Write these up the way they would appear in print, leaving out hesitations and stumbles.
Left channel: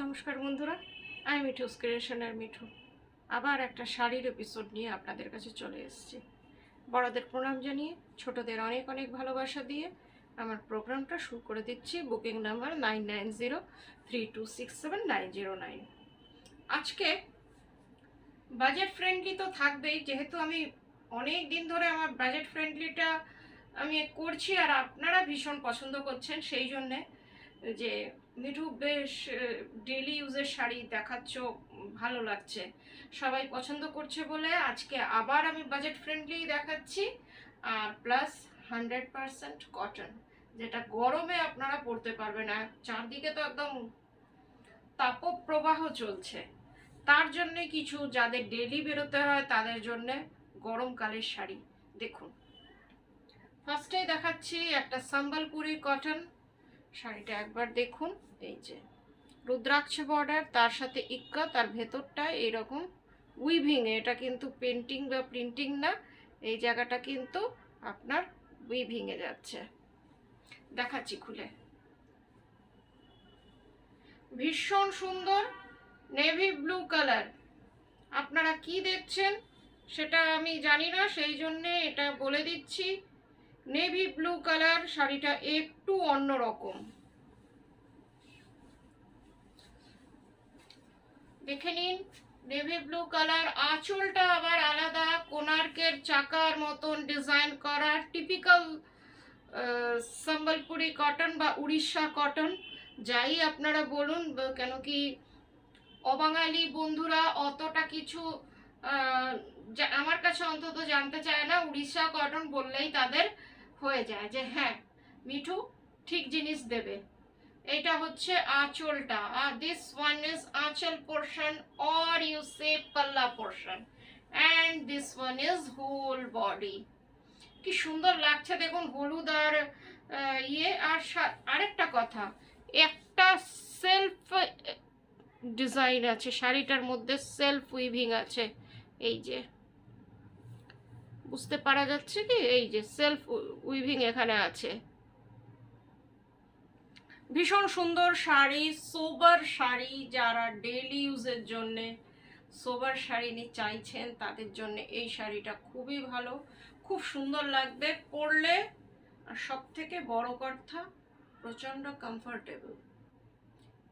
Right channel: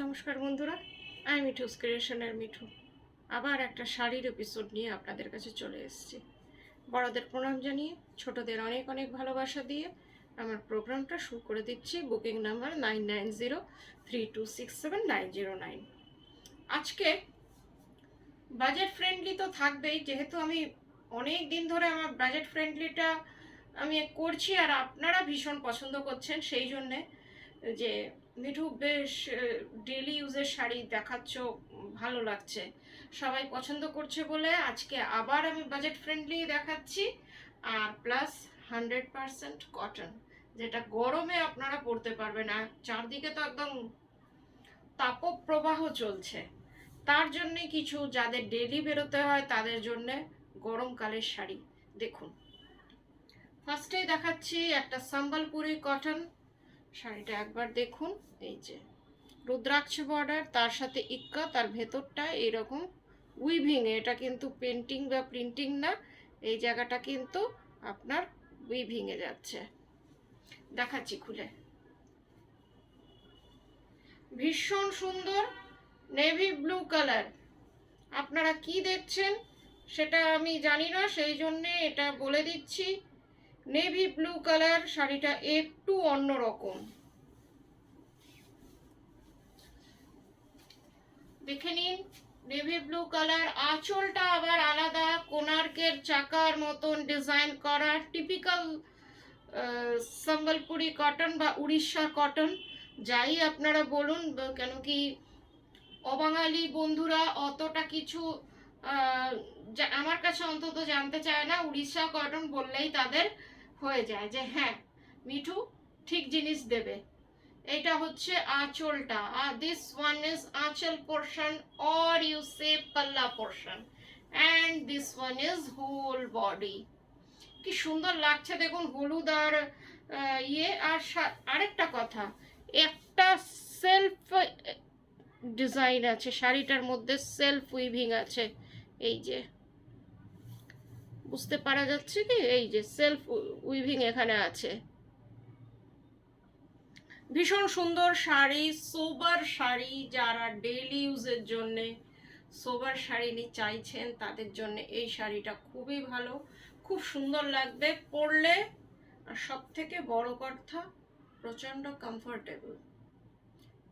নমস্কার বন্ধুরা, আমি মিঠুস ক্রিয়েশনের মিঠু। আবার একটা শাড়ির এপিসোড নিয়ে আপনাদের কাছে চলে এসেছি। বড়দের প্রণাম জানিয়ে, ছোটদের অনেক অনেক ভালোবাসা দিয়ে আমার প্রোগ্রামটা শুরু করে দিচ্ছি। Booking number 9903267909। আজকে বাজেট ফ্রেন্ডলি তো থাকবেই, যেহেতু আমি অনেক দিন ধরে আমার বাজেট ফ্রেন্ডলিটা আমি করছি আর আপনারা ভীষণ পছন্দ করছেন, সেই জন্যে যে মিঠু বেশ ডেলি ইউজের শাড়ি দেখাচ্ছ, ভালো লাগছে, সবাই পছন্দ করছে বলে আজকে আবার আমি বাজেট ফ্রেন্ডলি দেখাচ্ছি। আর প্লাস 100% কটন, যেটা গরমে আপনারা পরতে পারবেন। আর চারদিকে তো একদম তাপপ্রবাহ চলছে, তার জন্যে কিছু যাদের ডেলি বেরোতে হয় তাদের জন্যে গরমকালের শাড়ি দেখুন। ফার্স্টেই দেখাচ্ছি একটা সম্বলপুরি কটন শাড়িটা, একবার দেখুন। এই যে রুদ্রাক্ষ বর্ডার, তার সাথে ইক্কা, তার ভেতরটায় এইরকম উইভিং, এটা কিন্তু পেন্টিং বা প্রিন্টিং না, এই জায়গাটা কিন্তু আপনার উইভিংয়ে যাচ্ছে। দেখাচ্ছি খুলে, ভীষণ সুন্দর নেভি ব্লু কালার। আপনারা কি দেখছেন সেটা আমি জানি না, সেই জন্যে এটা বলে দিচ্ছি। নেভি ব্লু কালার শাড়িটা একটু অন্যরকম, দেখে নিন। নেভি ব্লু কালার, আঁচলটা আবার আলাদা, কোণার্কের চাকার মতন ডিজাইন করা, টিপিক্যাল সম্বলপুরি কটন বা উড়িষ্যা কটন, যাই আপনারা বলুন। কেন কি অবাঙালি বন্ধুরা অতটা কিছু আমার কাছে অন্তত জানতে চায় না, উড়িষ্যা কটন বললেই তাদের হয়ে যায় যে হ্যাঁ মিঠু ঠিক জিনিস দেবে। এটা হচ্ছে আঁচলটা, this one is anchal portion or you say palla portion, and this one is whole body. কি সুন্দর লাগছে দেখুন, হলুদ আর ইয়ে। আর আরেকটা কথা, একটা সেলফ ডিজাইন আছে শাড়িটার মধ্যে, সেলফ উইভিং আছে। এই যে বুঝতে পারা যাচ্ছে কি, এই যে সেলফ উইভিং এখানে আছে। ভীষণ সুন্দর শাড়ি, সোবার শাড়ি, যারা ডেইলি ইউজের জন্যে সোবার শাড়ি চাইছেন তাদের জন্য এই শাড়িটা খুবই ভালো, খুব সুন্দর লাগবে পরলে। আর সব থেকে বড় কথা, প্রচণ্ড comfortable.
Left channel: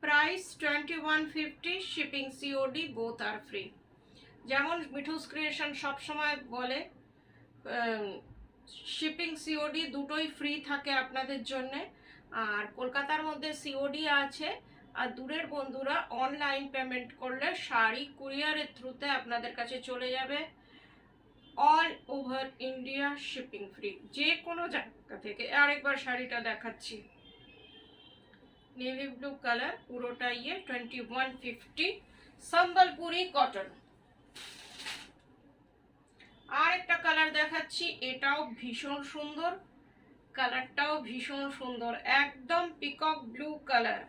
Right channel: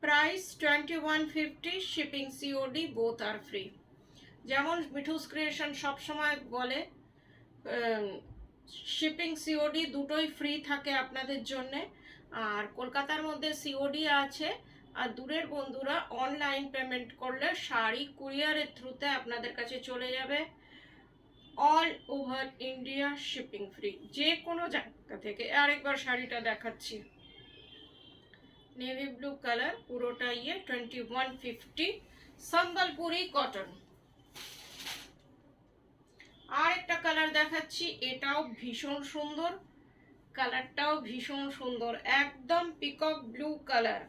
Price 2150, shipping COD both আর ফ্রি। যেমন মিঠুস ক্রিয়েশন সবসময় বলে, শিপিং সিওডি দুটোই ফ্রি থাকে আপনাদের জন্যে। আর কলকাতার মধ্যে সিওডি আছে, আর দূরের বন্ধুরা অনলাইন পেমেন্ট করলে শাড়ি কুরিয়ারের থ্রুতে আপনাদের কাছে চলে যাবে। All over India shipping free, যে কোনো জায়গা থেকে। আরেকবার শাড়িটা দেখাচ্ছি, নেভি ব্লু কালার, পুরোটা 2150, সম্বলপুরি কটন। আর একটা কালার দেখাচ্ছি, এটাও ভীষণ সুন্দর, কালারটাও ভীষণ সুন্দর, একদম পিকক ব্লু কালার,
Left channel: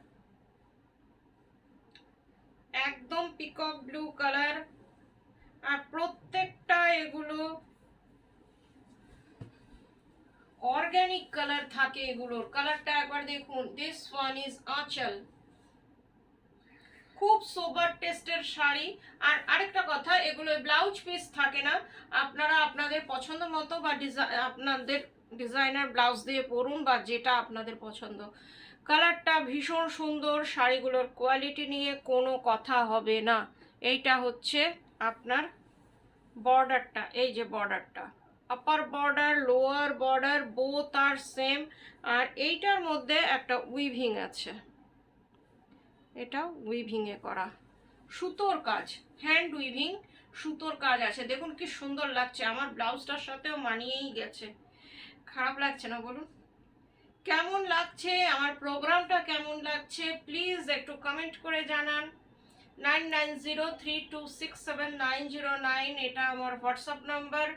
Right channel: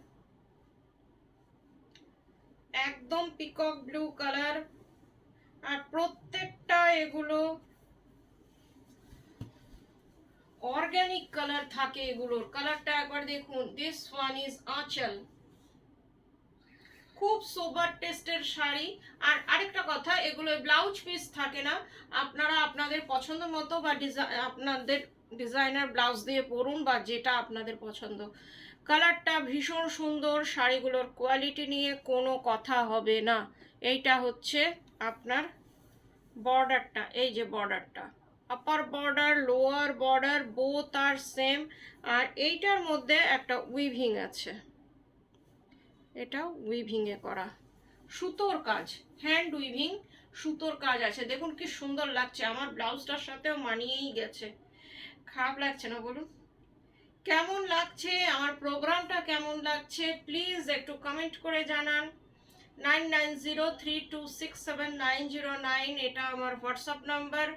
একদম পিকক ব্লু কালার। আর প্রত্যেকটা এগুলো অর্গানিক কালার থাকে, এগুলোর কালারটা একবার দেখুন। দিস ওয়ান ইজ আঁচল, খুব সোবার টেস্টের শাড়ি। আর আরেকটা কথা, এগুলো ব্লাউজ পিস থাকে না, আপনারা আপনাদের পছন্দ মতো বা আপনাদের ডিজাইনার ব্লাউজ দিয়ে পরুন, বা যেটা আপনাদের পছন্দ। কালারটা ভীষণ সুন্দর, শাড়িগুলোর কোয়ালিটি নিয়ে কোনো কথা হবে না। এইটা হচ্ছে আপনার বর্ডারটা, এই যে বর্ডারটা, upper border lower border both আর সেম। আর এইটার মধ্যে একটা উইভিং আছে, এটা উইভিংয়ে করা সুতোর কাজ, হ্যান্ড উইভিং সুতোর কাজ আছে। দেখুন কি সুন্দর লাগছে, আমার ব্লাউজটার সাথেও মানিয়েই গেছে। খারাপ লাগছে না বলুন? কেমন লাগছে আমার প্রোগ্রামটা, কেমন লাগছে প্লিজ একটু কমেন্ট করে জানান। 9903267909, এটা আমার WhatsApp number.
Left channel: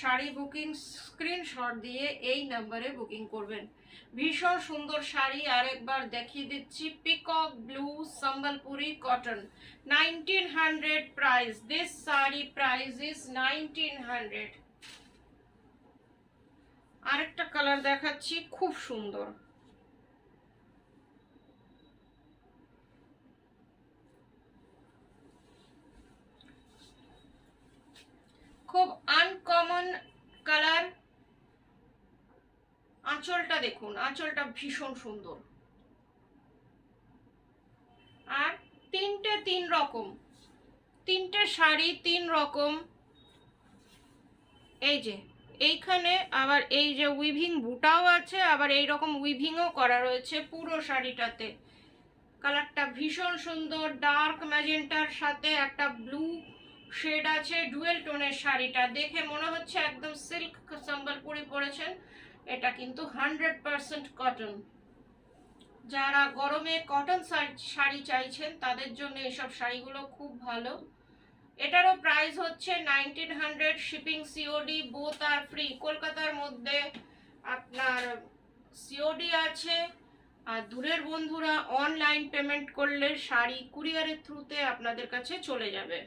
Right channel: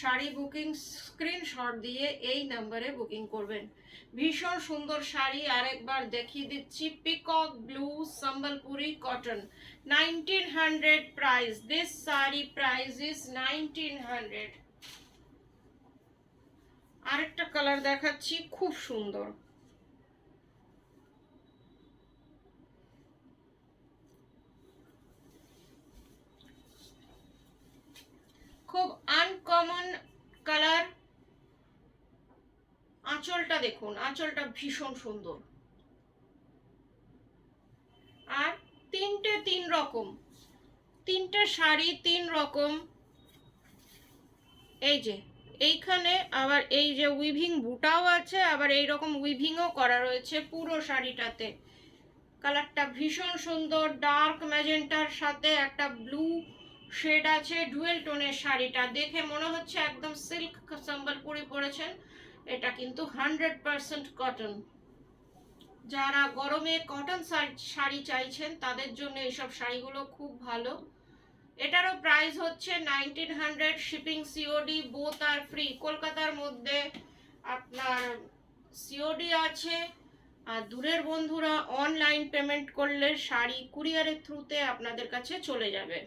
Sari booking screenshot দিয়ে এই নাম্বারে বুকিং করবেন। ভীষণ সুন্দর শাড়ি, আরেকবার দেখিয়ে দিচ্ছি, peacock blue Sambalpuri cotton, 1900 price. This sari price is 1900। আরেকটা কালার দেখাচ্ছি, খুব সুন্দর, আনকমন কালার। আঁচলটা দেখুন, আঁচলটা ভীষণ সুন্দর। আর তিন রকম, তিনটে শাড়ি 3 রকম। এই যে এইখানে আবার এই যে উইভিং বুটাও আছে, আবার এই রকম উইভিংও করা রয়েছে পুরো শাড়িটাতে। কালারটা ভীষণ সুন্দর, ডার্ক ম্যাজেন্টার সাথে একটা ব্লু শেড আছে। ডুয়েল টোনের শাড়িটা দেখে মনে হচ্ছে একদম সিল্ক সম্বলপুরি পরেছেন। এটা কিন্তু 100% কটন। যারা গরমে কটন শাড়ি চাইছেন তাদের জন্য এইসব শাড়িগুলো খুব ভালো। এটারও প্রাইস হচ্ছে 1900, শিপিং সিওডি বোথ আর ফ্রি। কলকাতার মধ্যে আপনার সিওডি আছে, আর দূরের বন্ধুরা অনলাইন পেমেন্ট করলে শাড়ি কুরিয়ারের থ্রুতে আপনাদের কাছে চলে যাবে।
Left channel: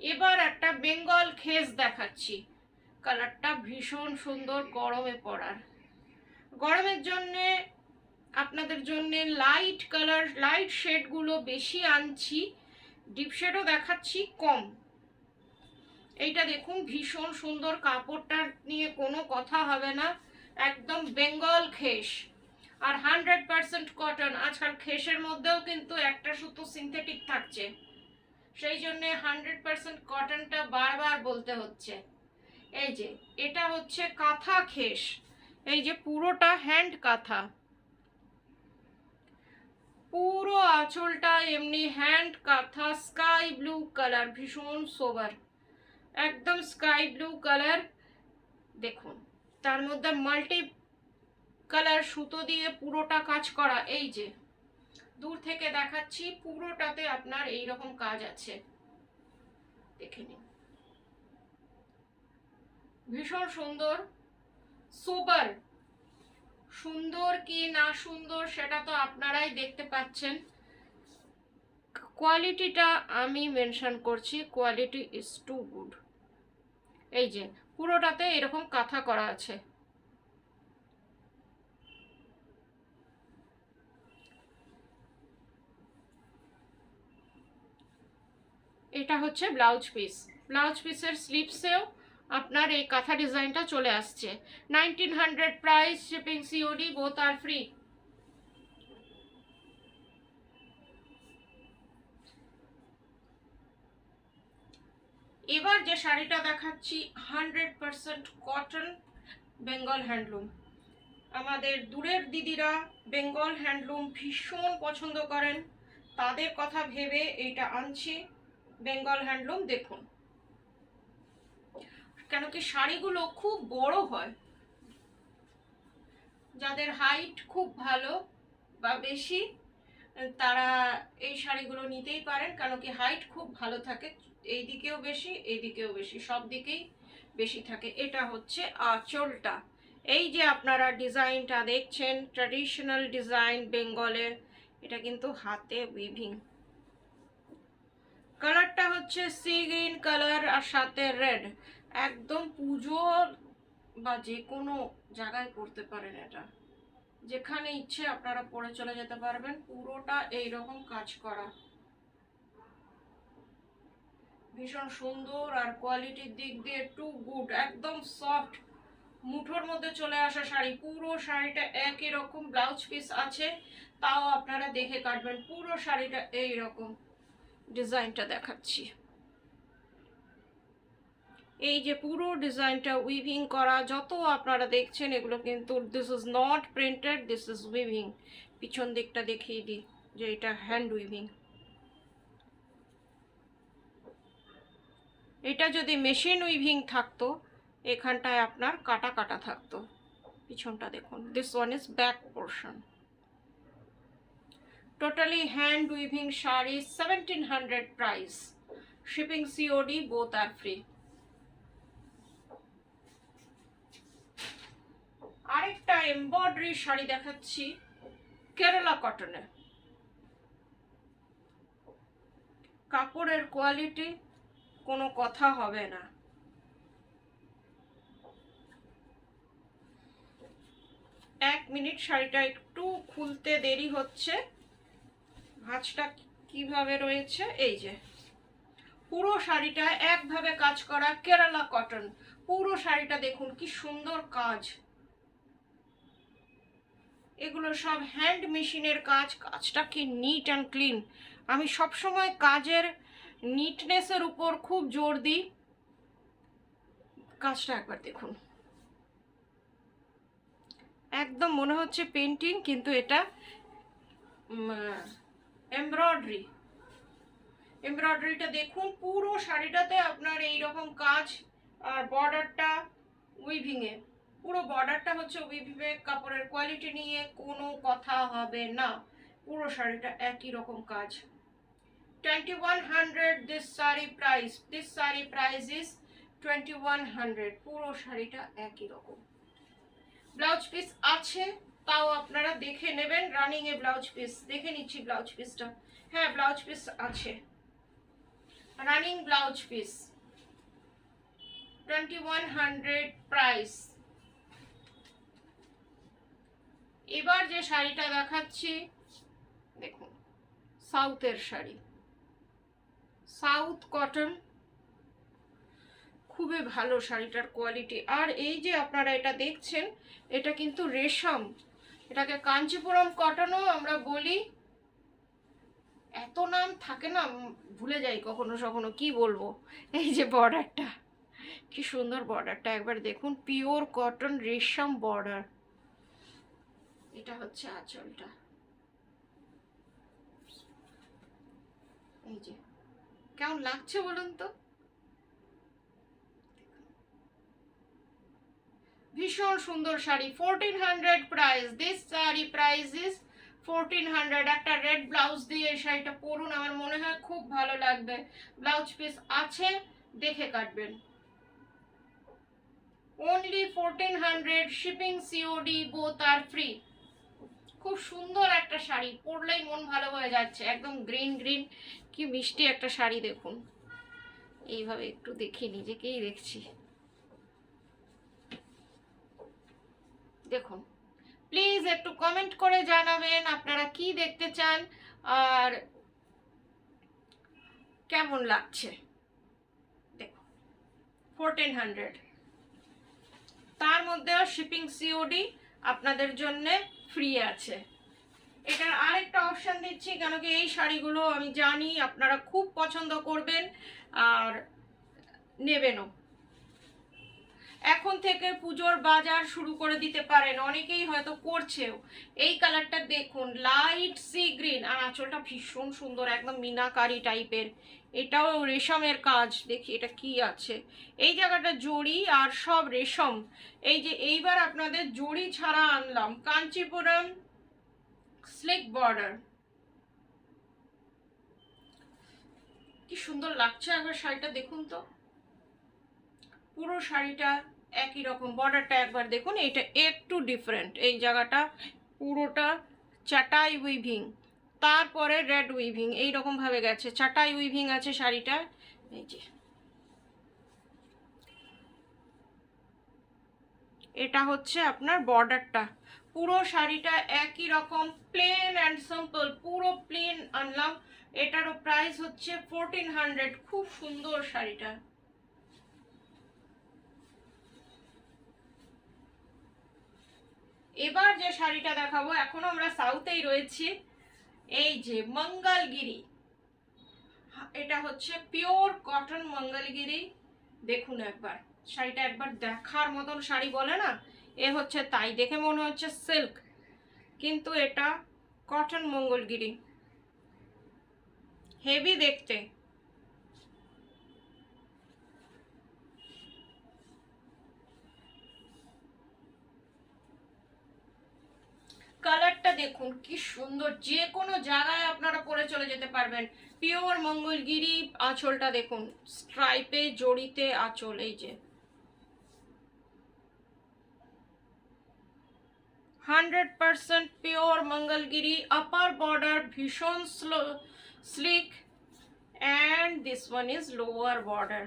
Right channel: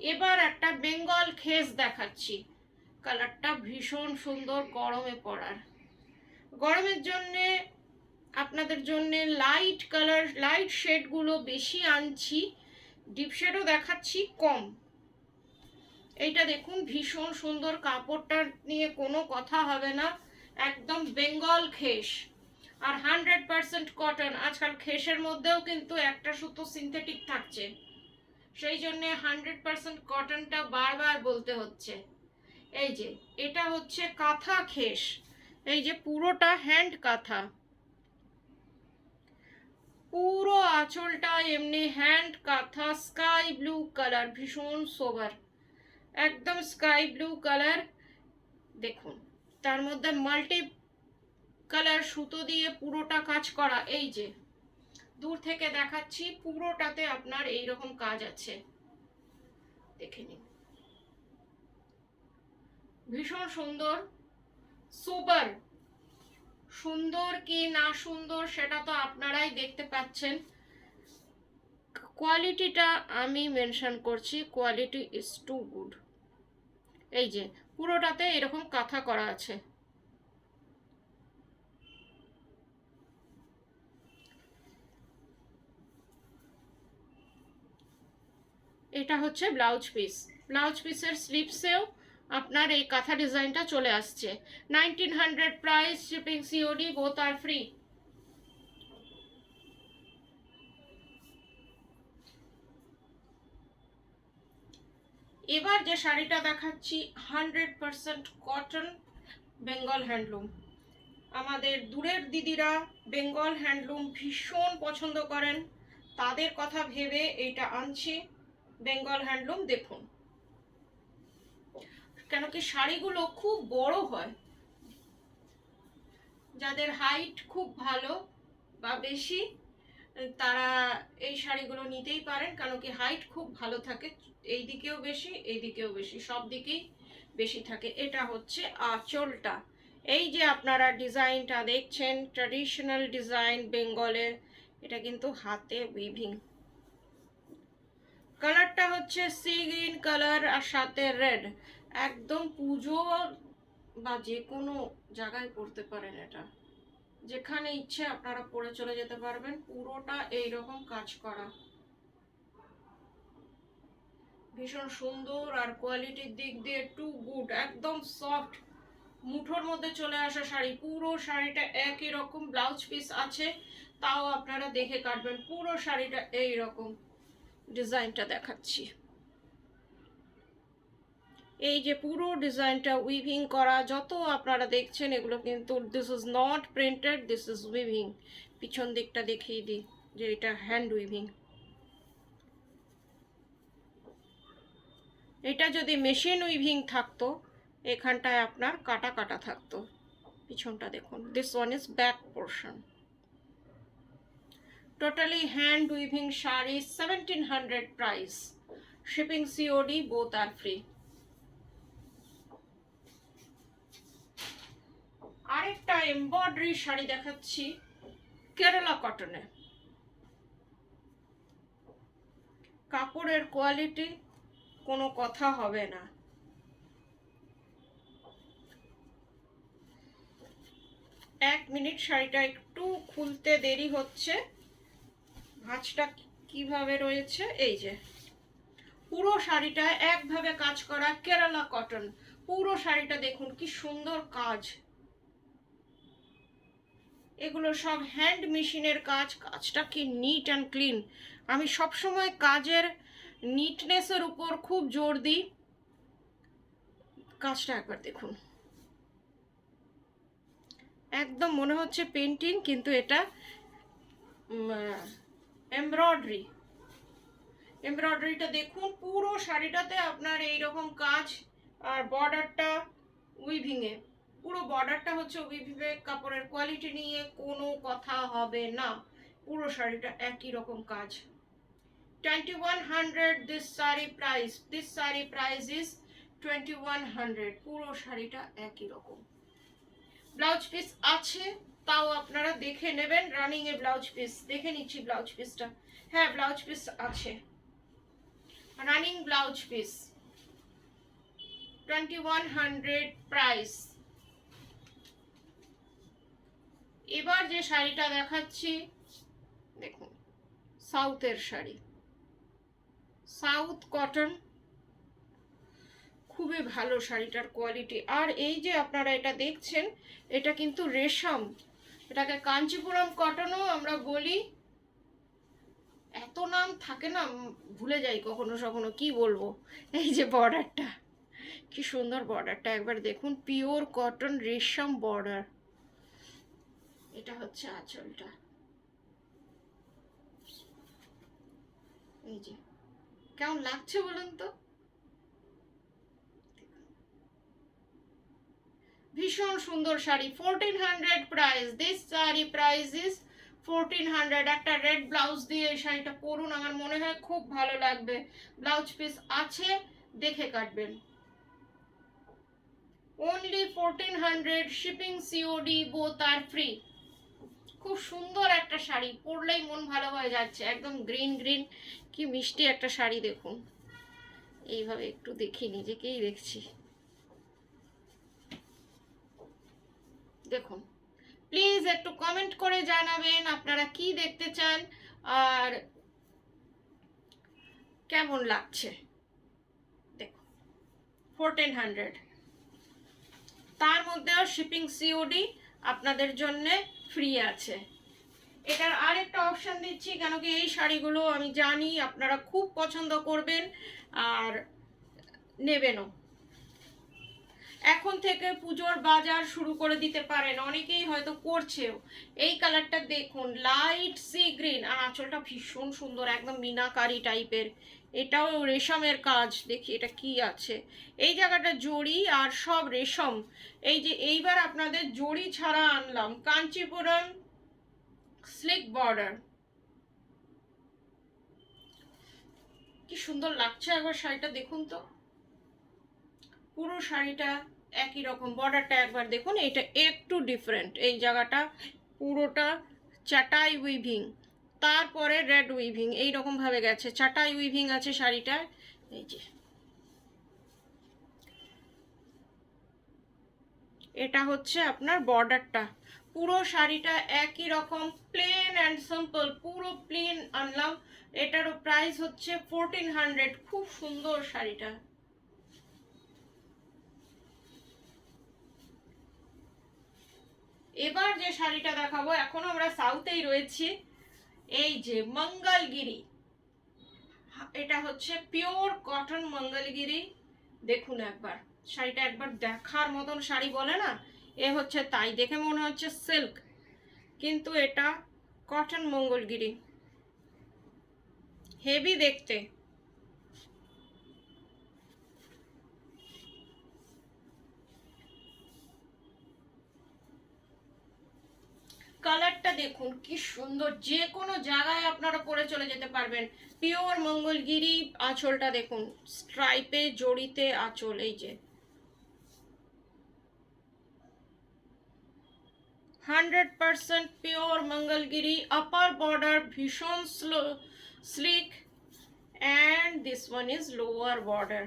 এবার একটা বেঙ্গল খেস দেখাচ্ছি। কালারটা ভীষণ সুন্দর গরমে পরার। গরমের জন্যে আপনাদের জন্য লাইট কালার, লাইট শেডগুলো বেশি আনছি, ডিপ শেডও দেখাচ্ছি কম। এইটা দেখুন ভীষণ সুন্দর, কাপড়টা নিয়ে কোনো কথা হবে না, একদম বেঙ্গল খেস আর 100% কটন। আজকাল খেসের মধ্যেও কিন্তু একটা সুতো সিনথেটিক থাকছে, সেই জন্য 100% কটনটা বারবার বলতে হচ্ছে। এই যে এটা হচ্ছে কাঁথা খেস, এই যে পুরোটা হ্যান্ড কাঁথা, পুরো আঁচলটা এমনি হ্যান্ড কাঁথা। স্কাই ব্লু কালার, ভীষণ সোবার, একদম স্কাই ব্লু কালার। দেখুন তার মধ্যে মাল্টি কালার সুতো দিয়ে পুরোটা কাজ করা। এই যে দূর থেকে দেখাচ্ছি, পুরোটাতে আপনার এই রকম কাজ আছে, দেখে নিন। ভীষণ সুন্দর, সোবার। সুন্দর কি না সুন্দর সেটা তো আপনারাই দেখতে পাচ্ছেন। কোয়ালিটিটা আমি মেনশন করছি, কোয়ালিটি ইজ টু গুড। এই যে পুরোটাতে এরকম কাঁথা করা আছে। এটা হচ্ছে ব্লাউজ পিস। ব্লাউজ পিসের স্লিপসেও আপনার এই কাঁথা ডিজাইনটা চলে আসছে। 1900 প্রাইস, শিপিং সিওডি বোথ আর ফ্রি। এবার যে শাড়িটা দেখাচ্ছি 100% কটন, বেঙ্গল হ্যান্ডলুম। আমাদের দূরের দিদিরা বেঙ্গল হ্যান্ডলুম ভীষণ পছন্দ করেন, তাদের কথা ভেবে এইটা আনছি। বেঙ্গল হ্যান্ডলুম দেখুন, কেন কি শাড়িগুলো খুব বড় হয়, যাদের হাইট খুব ভালো বা বেশি তারা এই শাড়িগুলো নিতেই পারেন, কারণ কি হাইট খুব ভালো থাকে, এই দিকেও বেশি এই দিকেও বেশি, সব দিকেই বেশি থাকে। এটা হচ্ছে আঁচলটা। এই যে আপনারা ডিজাইনটা দেখছেন ট্র্যাডিশনাল ডিজাইন বেঙ্গলের, এটা কিন্তু হাতে উইভিং। কালারটা হচ্ছে সি গ্রিন কালার আর সাথে রেড, একদম পুজো বা যে কোনো জায়গায় পরতে পারেন, এটা যেখানে ইচ্ছে আপনারা পরে চলে যেতে পারবেন। পুরোটা এইরকম কাজ করা, ভীষণ সুন্দর আর কোয়ালিটির দিক দিয়ে টু গুড। একদম সফট, মুঠোর মধ্যে চলে আসা শাড়ি। পুরো শাড়িটা একই রকম, ব্লাউজ পিস আছে তাও আপনারা দেখে কাটবেন। পুরো শাড়িটা এই রকম ডিজাইনটা দেখাচ্ছি। এই যে পুরো ডিজাইনটা উইভিং করা, যত আপনারা দেখছেন এগুলো কিন্তু this is not printed, this is weaving. পিছন দিকটা দেখিয়ে দিই যে এটা হ্যান্ড উইভিং। এটা যদি মেশিন উইভিং থাকতো এখানটায় আপনার কাটা কাটা থাকতো। পিছনটা দেখুন, this one is back portion. Totally hand weaving sari, 1700 price, shipping COD both আর ফ্রি। আরেকটা এমব্রয়ডারি শাড়ি দেখাচ্ছি কেরালা কটনে। কাপড়ের কোয়ালিটি কোনো কথা হবে না। এক মিনিট, শাড়িটা একটু খুলতে দেরি হচ্ছে। ভাঁজটা কিভাবে রয়েছে, এই যে পুরো শাড়িটা একভাবে কাজ করা কেরালা কটন। পুরো শাড়িটা দেখুন কি সুন্দর কাজ, এগুলো সব হ্যান্ড মেশিনের কাজ, কাজটা কি নিট অ্যান্ড ক্লিন। আমি সবসময় কাজের নিটনেসের উপর খুব জোর দিই। কাজটা একবার দেখুন, একদম মনে হচ্ছে পেন্টিং, কিন্তু এটা এমব্রয়ডারি। এমব্রয়ডারিটা দেখুন, পুরো শাড়িটাতে আপনার এই রকম কাজ, আর বর্ডারটা উইভিংয়ে, পুরো বর্ডারটা হচ্ছে উইভিংয়ে। কাপড়ের কোয়ালিটি নিয়ে কোনো কথা হবে না, পুরো শাড়িটা একই রকম কাজ। 2100 this saree price, this saree price is 2100। পুরো শাড়িটা একই রকম। ব্লাউজ পিস আছে, তাও আপনারা দেখে নেবেন। রানিং এ ব্লাউজ পিস দেখে নিচ্ছি, ব্লাউজ পিসটা, হ্যাঁ ব্লাউজ পিস আছে, রানিং ব্লাউজ পিস 2100 প্রাইস। এবার যে শাড়িটা দেখাচ্ছি দেখুন, সাউথের শাড়ি, সাউথ কটন, খুবই ভালো শাড়িটার কোয়ালিটি। আর এই যে আপনারা এটা দেখছেন, এটা কিন্তু রেশম, এটাকে কাঞ্চিপুরম কটনও আমরা বলি। এত নাম থাকে না, ভুলে যাই কখনো কখনো, কি বলবো। এই যে বর্ডারটা, কি সুন্দর বর্ডারটা একবার দেখুন, পিওর কটন রেশম বর্ডার। এটা হচ্ছে আঁচলটা, এই যে কেমন লাগছে বলুন তো, ভীষণ সুন্দর sari. 1400 price, this sari price is 1400। একটা রেড ব্লাউজ দিয়ে এই শাড়িটা পরুন, আমার মনে হয় খুব ভালো লাগবে। ব্লাউজ পিস আছে, দেখে কাটবেন। only 1400, শিপিং সিওডি বোথ আর ফ্রি। খুব সুন্দর একটা শাড়ি, পরলেই মন ভালো হয়ে যাচ্ছে, একদম গ্রিন গ্রিন, কি মিষ্টি একটা শাড়ি দেখুন। এইভাবে একটু দেখি, নিজেকেই দেখছি, দেখুন। প্লিজ একটু কমেন্ট করে জানাবেন আপনারা কি দেখতে চান আর কেমন লাগছে। দেখুন 1400, তার মধ্যেও শিপিং সিওডি আপনাদের জন্য ফ্রি আছে। এটার আরেকটা অপশান দিচ্ছি, কেন কি এই শাড়িগুলো আমি জানি আপনারা খুব পছন্দ করবেন আর নেবেনও। এখন থেকে পুজোর বাজার শুরু করে দিতে পারেন, অনেকেই হয়তো করছেও। এই কালারটা দেখুন, লাইট সি গ্রিন, আর আঁচলটা ভীষণ সুন্দর, একদম মিনাকারি টাইপের। এটাও রেশমের কাজ, দেখি এটা কি আছে। এই জায়গাটা জড়ি আর সব রেশম। এই যে এইবার আপনাদের জড়ি ছাড়া আনলাম কাঞ্চিপুরম স্লিক বর্ডার, কি সুন্দর লাগছে, একবার শাড়িটা দেখুন তো। পুরো শাড়িটা একই রকম, বর্ডারটা একবার দেখুন, এটা একটু ডিফারেন্ট। এই জায়গাটা পুরোটা চাটাই উইভিং, তারপরে রেড উইভিং, এই রকম ভাবে গেছে, চাটাই উইভিং আছে শাড়িটা। এই যে এটা হচ্ছে আপনার বর্ডারটা। পুরো শাড়িটা একই রকম, প্লেন অ্যান্ড সিম্পল, পুরো প্লেন আনলাম। এটারও প্রাইস হচ্ছে 1400। খুব সুন্দর শাড়িটা। এবার যে শাড়িটা দেখাবো, এখন আমরা সাউথেই রয়েছি, এই যে মঙ্গলগিরি, এটা হচ্ছে পিওর কটন মঙ্গলগিরি। দেখুন একবার শাড়িটা, একবার দেখার মতন শাড়ি বলে না, এ হচ্ছে তাই, দেখে মনে হচ্ছে সিল্ক, কিন্তু এটা কটন মঙ্গলগিরি, হেভি দেখতে। কালারটা দেখুন কি সুন্দর, যে কোনো জায়গায় আপনারা পরে চলে যেতে পারবেন। পিওর মঙ্গলগিরি, আঁচলটা দেখুন, স্ট্রাইপে জড়িতে আঁচল, এই যে 100% পিওর মঙ্গলগিরি। আপার বর্ডার ভীষণ slick, and this one is lower border.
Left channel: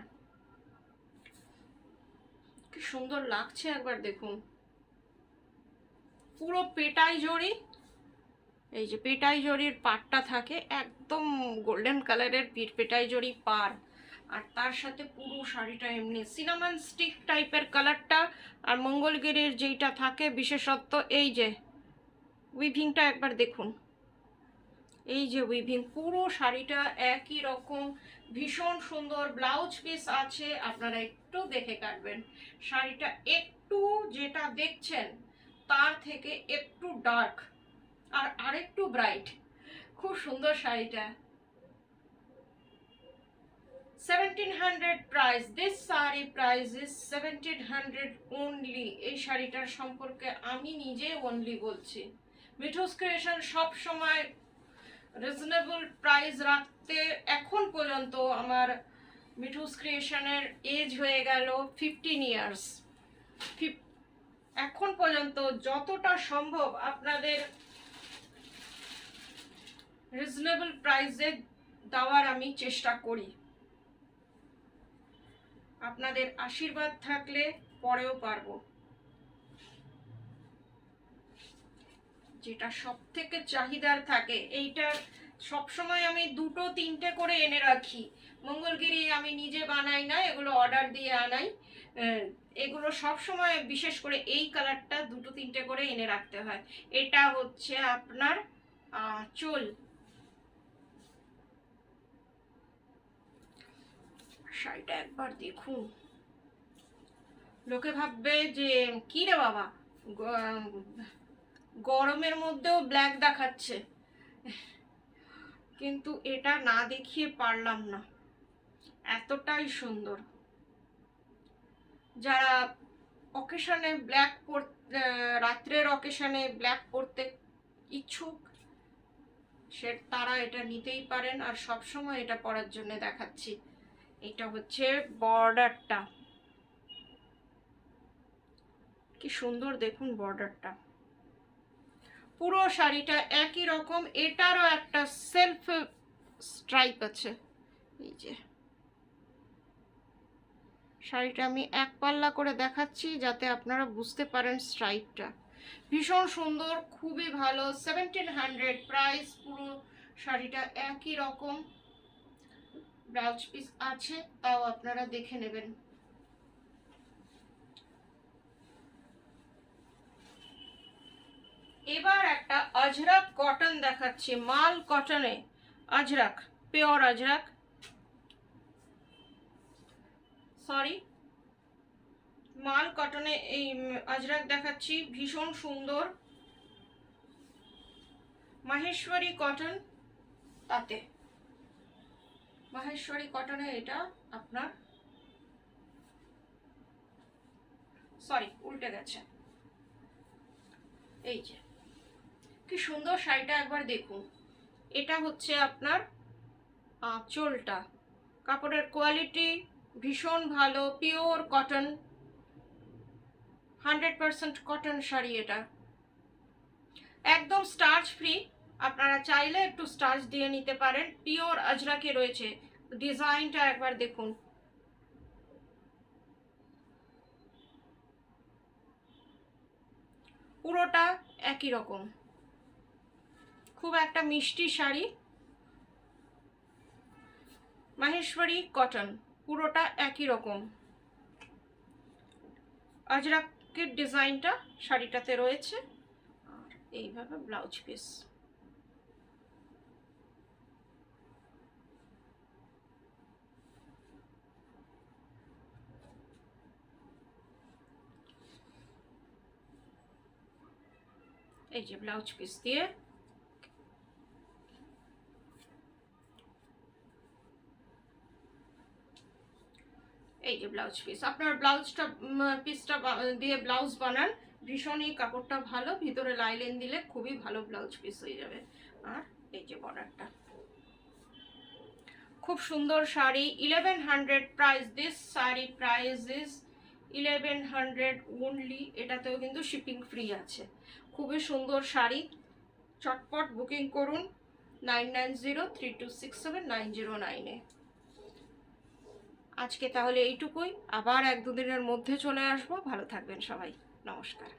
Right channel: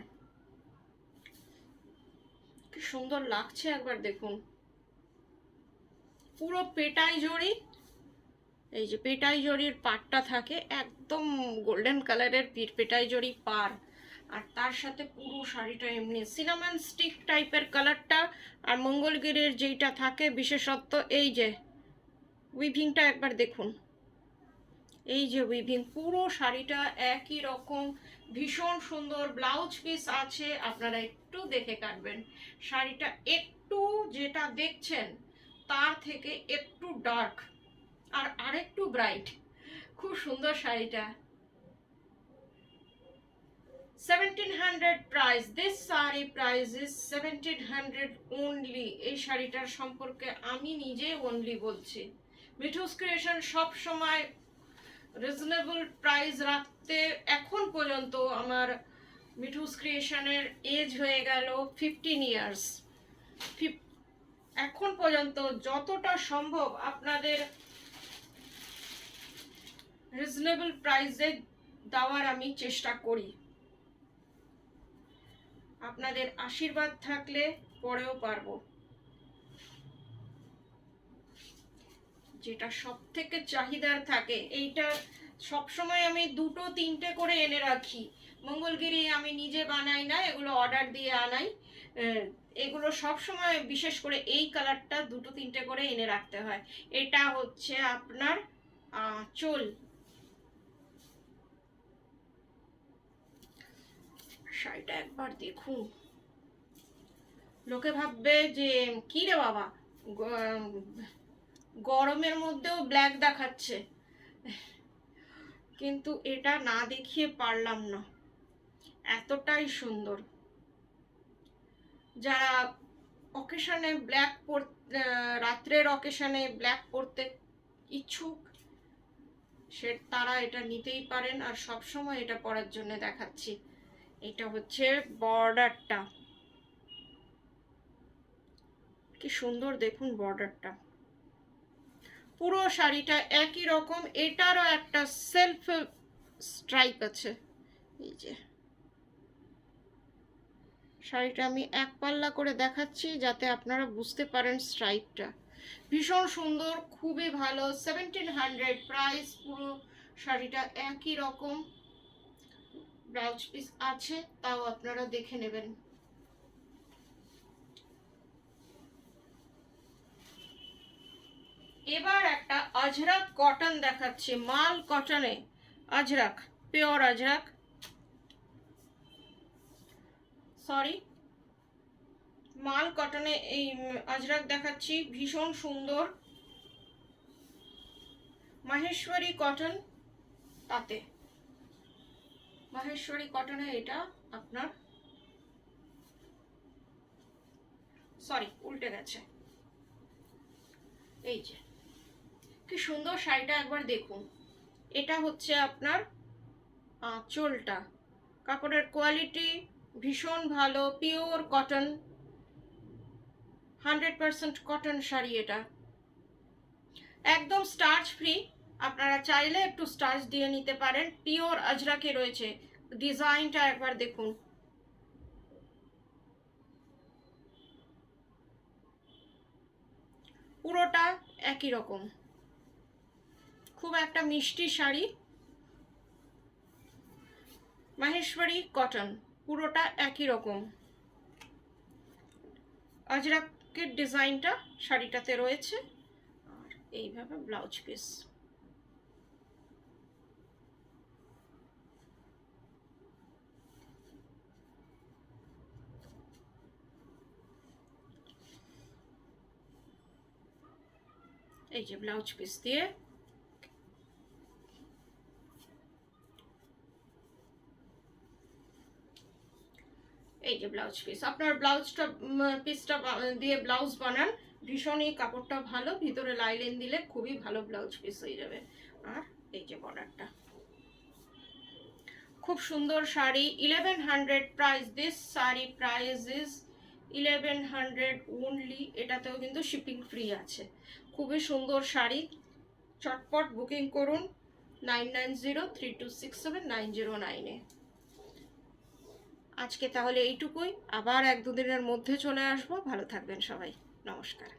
কি সুন্দর লাগছে একবার দেখুন। পুরো পেটাই জড়ি, এই যে পেটাই জড়ির পাটটা থাকে, একদম গোল্ডেন কালারের পেটাই জড়ি পার, আর তার সাথে পুরো শাড়িটা এমনি সিনামন স্টিক টাইপের কালারটা। আর মঙ্গলগিরির যেইটা থাকে বিশেষত্ব, এই যে উইভিংটা একবার দেখুন, এই যে উইভিং, পুরো শাড়িটা একই রকম, ভীষণ সুন্দর। ব্লাউজ পিস আছে, আপনারা একটু দেখে কাটবেন। শাড়িটা একটু যেটা দেখছেন তার থেকে একটু ডার্ক আর আরেকটু ব্রাইট, খুব সুন্দর শাড়িটা। 1700 price, this saree price is 1700 only। এই শাড়িটার সম্পর্কে আমি নিজে অনলি বলছি। মিঠুস ক্রিয়েশন সব সময় রিজনেবল প্রাইস রাখতে, এখন পর্যন্ত আমার মিঠুস ক্রিয়েশনের এজ হয়ে গেল 15 ইয়ার্স। এখন পর্যন্ত যতটা সম্ভব আপনাদের রিজনেবল প্রাইসে দেওয়ার আমি চেষ্টা করি। আপনাদের আশীর্বাদ থাকলে পরেও পারবো। যেটা সব থেকে চাহিদার থাকে, এইটা সবসময় আমি 2-3টে করে এনে রাখি। মঙ্গলগিরি আমি নিজে বানাই না, এগুলো অর্ডার দিয়ে আনাই। এগুলো সব সময়, বিশেষ করে এই কালারটা 2-3টে করে এনে রাখতে হয়। এটা হচ্ছে আপনার চোল। শাড়িটা একবার দেখুন, লোকে ভাববে যে কি রে বাবা, গরমের মধ্যেও ব্ল্যাক দেখাচ্ছে, কিন্তু এটা না দেখিয়ে পারলাম না, এতটাই সুন্দর। যারা অকেশনে ব্ল্যাক পরতে, রাত্রের অকেশনে ব্ল্যাক পরতে ইচ্ছুক, তারা এটা নিতেই পারেন। আর সব সময় এটা পরার জন্য দেখাচ্ছি। এটা হচ্ছে বর্ডারটা, কি সুন্দর দেখুন বর্ডারটা। পুরো শাড়িটা একই রকম, এটারও একটা সেলফ স্ট্রাইপ আছে। এই যে শাড়িটা আমি এক পাল্লা করে দেখাচ্ছি যাতে আপনারা বুঝতে পারেন স্ট্রাইপটা। ভীষণ সুন্দর, খুবই ভালো। 1700 প্রাইস। পুরো শাড়িটা একই রকম, ব্লাউজ পিস আছে, তাও আপনারা দেখে নেবেন। এবার একটা আজরাক কটন দেখাচ্ছি, মাল কটনে আজরাক, পিওর আজরাক, সরি মাল কটনে এই আজরাক দেখাচ্ছি, ভীষণ সুন্দর। মাহেশ্বরী কটন, তাতে মাহেশ্বরী কটনে এটা আপনার, সরি উল্টে গেছে। এই যে কি সুন্দর শাড়িটা একবার দেখুন। এটা হচ্ছে আপনার আঁচলটা, কাপড়ের কোয়ালিটি ভীষণ ভালো, পিওর কটন, 100% কটন শাড়ি। এটা একদম স্টার্চ ফ্রি, আপনারা চাইলে একটু স্টার্চ দিয়ে নিতে পারেন। পিওর আজরাকে রয়েছে। ডিজাইনটা একবার দেখুন, পুরোটা একই রকম, খুব একটা মিষ্টি শাড়ি। মাহেশ্বরী কটন, পুরোটা একই রকম। আজরাকের ডিজাইনটা শাড়িটাতে রয়েছে। আর এইভাবে ব্লাউজ পিস। এই যে ব্লাউজ পিস দিয়ে, এই যে ব্লাউজ পিস। আপনার ব্লাউজটা পিসটা দিয়ে ব্লাউজ বানান, ভীষণই কাপড়টা ভালো, ভিতরে লাইলিন দিলে খুবই ভালো ব্লাউজ পিস হয়ে যাবে। আর এই যে বর্ডারটা, খুব সুন্দর sari. 1100 price. This sari price is 1100 only. এটাতেও কিন্তু শিপিং ফ্রি আছে। খুবই সুন্দর শাড়ি, চটপট বুকিং করুন 9903267909-এ। আজকে তাহলে এইটুকুই, আবার 1-2 দিনের মধ্যে চলে আসবো। ভালো থাকবেন সবাই, নমস্কার।